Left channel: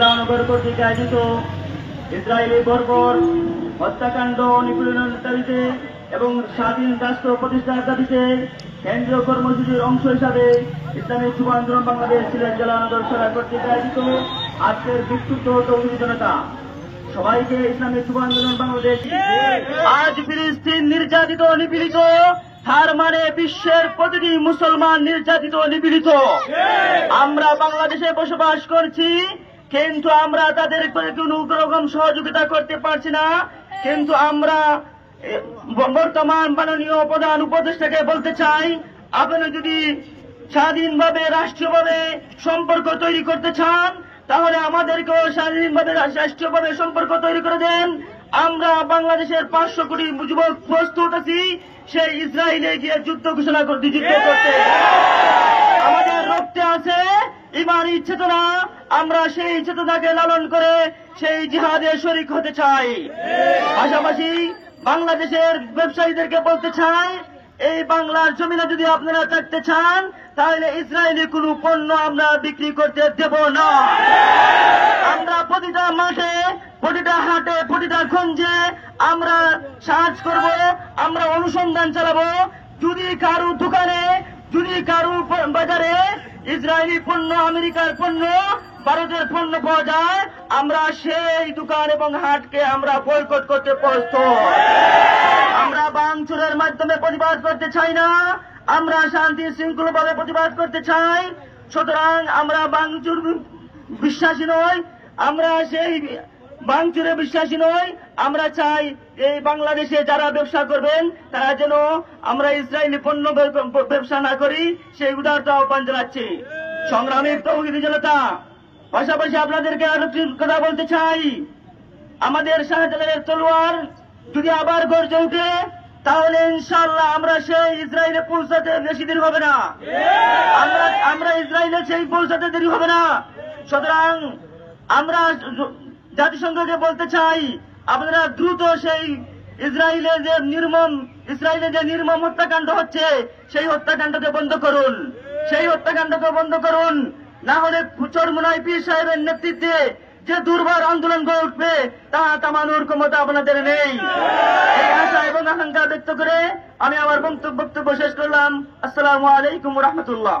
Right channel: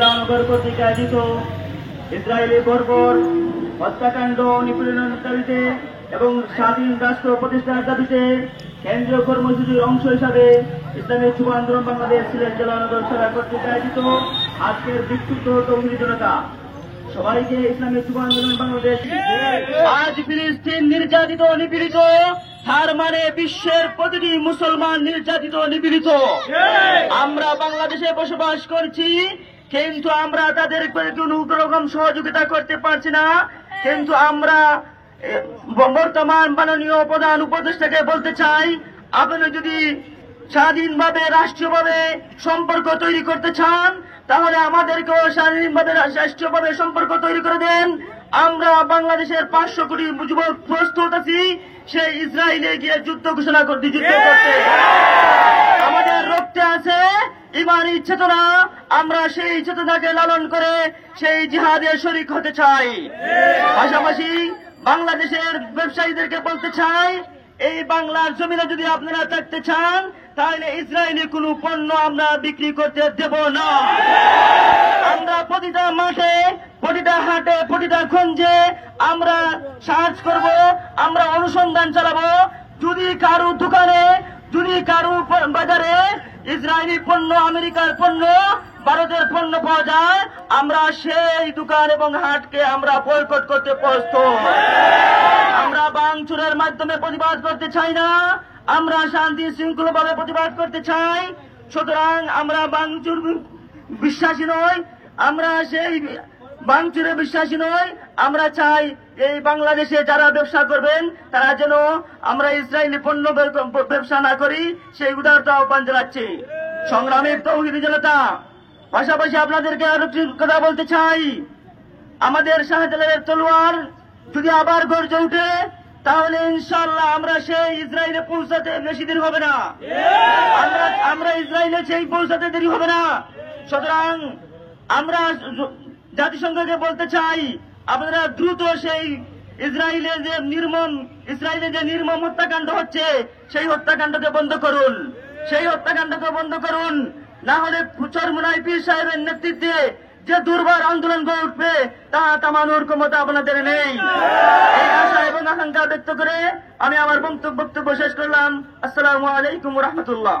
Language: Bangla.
নগর কর্তৃক আয়োজিত ইসরায়েলি বর্বর হত্যাকাণ্ড নিপীড়নের দাবিতে এবং স্বাধীন রাষ্ট্র প্রতিষ্ঠার দাবিতে কেন্দ্রীয় কর্মসূচির অংশ হিসাবে ইসলামিক যুব আন্দোলন বাংলাদেশ সিলেট জেলা নগর সরকার কর্তৃক আয়োজিত আজকের বিক্ষুব্ধ তৌহিদি জনতা সবাইকে ইসলামিক যুব আন্দোলন বাংলাদেশ। আজ ফিলিস্তিন নির্যাতিত নিপীড়িত, তার মানে বিশ্বের প্রতিটি মুসলমান নির্যাতিত নিপীড়িত। আমরা বাংলাদেশে বসবাস করছি, কিন্তু আমরা তাদের কোন রকম সহযোগিতা করতে পারছি না। কিন্তু আমরা বর্তমান মাননীয় প্রধান উপদেষ্টাকে বলতে চাই, আপনি যদি স্বাধীনভাবে রাষ্ট্রীয়ভাবে সম্পর্ক তৈরি করতে চান, তাহলে আমাদেরকেও স্বাধীনভাবে রাষ্ট্রীয়ভাবে সম্পর্ক তৈরি করে দেন। আমরা বাংলাদেশের 500 কোটি যুবক প্রস্তুত আছি সেই ইসরায়েলে গিয়ে যুদ্ধ ঘোষণা করতে। আমাদের রক্তে আছে ইমানি চেতনা, আমরা সেই চেতনাকে লালন করে সেই জিহাদে শরীক হতে চাই। পাশাপাশি বাংলাদেশের ব্যবসায়ীদেরকে বলতে চাই, এই বাংলার জমিনে যদি আপনারা থাকতে চান, তাহলে ইসরায়েলি কোন পণ্য আমরা বিক্রি করতে দেব না। আমরা প্রতিটা মাঠে, প্রতিটা হাটে, প্রতিটা গঞ্জে আমরা সার্চ করব, আমরা অনুসন্ধান চালাবো। যদি কারো দোকানে, যদি কারো বাজারে ইসরায়েলি পণ্য, আমেরিকার পণ্য, ভারতের পণ্য পাওয়া যায়, আমরা সেই দোকান এবং হাটকে আমরা বয়কট করতে প্রস্তুত। আমরা ভাঙচুরের মাধ্যমে প্রতিবাদ করতে চাই না, আমরা শান্তি শৃঙ্খলাভাবে প্রতিবাদ করতে চাই। সুতরাং আমরা ভাঙচুর বিশ্বাসী নয়, আমরা সেই ভাঙচুরে বিশ্বাসী নয়। আমরা চাই এই বাংলাদেশে যারা ব্যবসা করবেন তারা যেন আমরা ইসরায়েলি পণ্য ব্যবসা না করি, সেই উদারত আহ্বান জানাচ্ছি। সংগ্রামী তৌহিদি জনতা, পাশাপাশি আপনাদেরকে আরেকটি কথা বলতে চাই, আমাদের শাহজালালের তলোয়ার যদি আবার গর্জে উঠে, তাহলে ইনশাআল্লাহ আমরা সেই ইসরায়েলে পৌঁছাতে বেশি দেরি হবে না। আমরা ইসরায়েলে সেই পৌঁছাতে দেরি হবে না। সুতরাং আমরা জাতিসংঘকে বলতে চাই, আপনারা দ্রুত সেই ইসরায়েলে যে নির্মম হত্যাকাণ্ড হচ্ছে, সেই হত্যাকাণ্ডকে বন্ধ করুন, সেই হত্যাকাণ্ডকে বন্ধ করুন। না হলে চরমোনাই পীর সাহেবের নেতৃত্বে যে দুর্বার আন্দোলন গড়ে উঠবে, তা থামানোর ক্ষমতা আপনাদের নেই। এই আশা এবং আকাঙ্ক্ষা ব্যক্ত করে আমি আমার বক্তব্য শেষ করলাম। আসসালামু আলাইকুম ওয়া রাহমাতুল্লাহ।